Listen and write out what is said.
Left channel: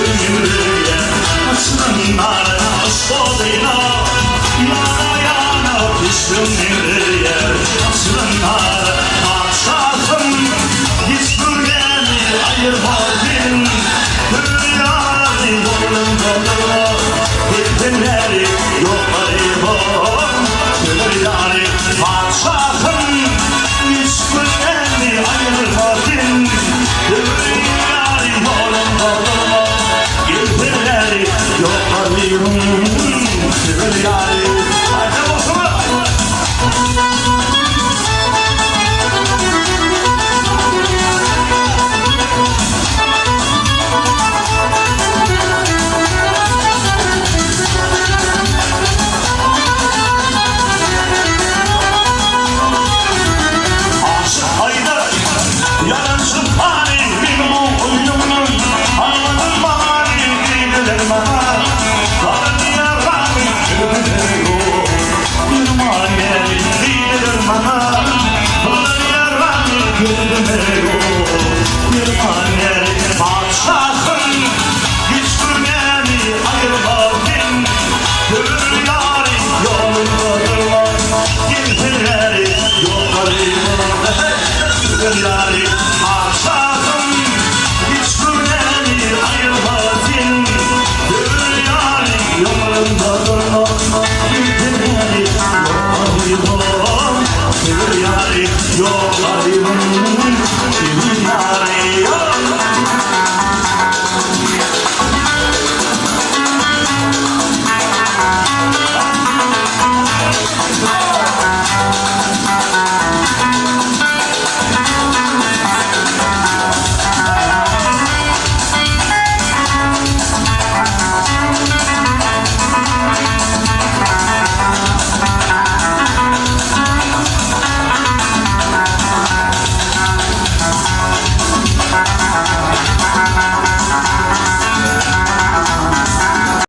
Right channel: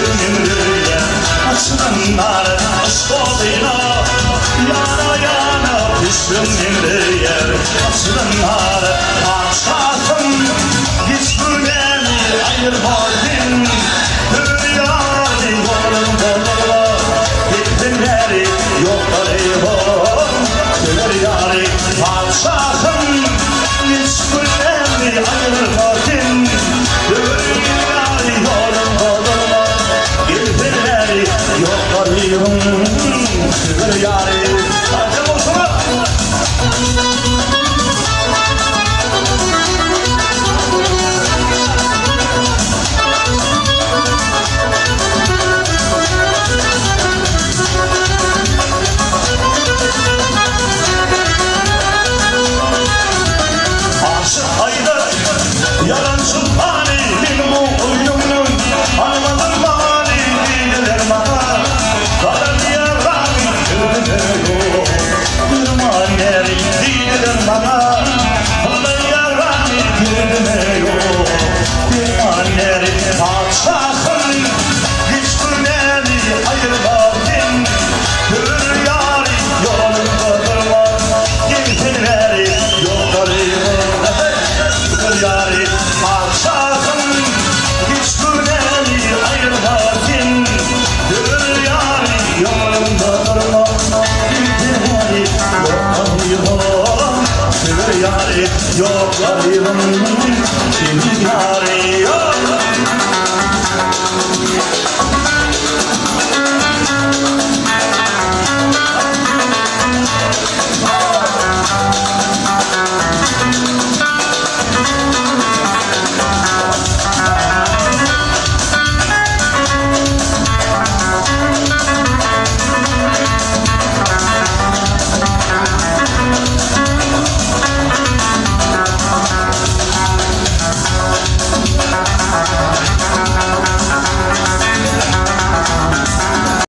Gönlümde açınlar Asfaltına yana yana Gönlümde açınlar Aşkım hiç beni ayırmadın Dünyayı yolun doldurma Bittinleri yollarım Dünyayı aşkım hiç beni ayırmadın Dünyayı yolun doldurma Bittinleri yollarım Dünyayı Hadi olsun Yollarım kimin arıyor?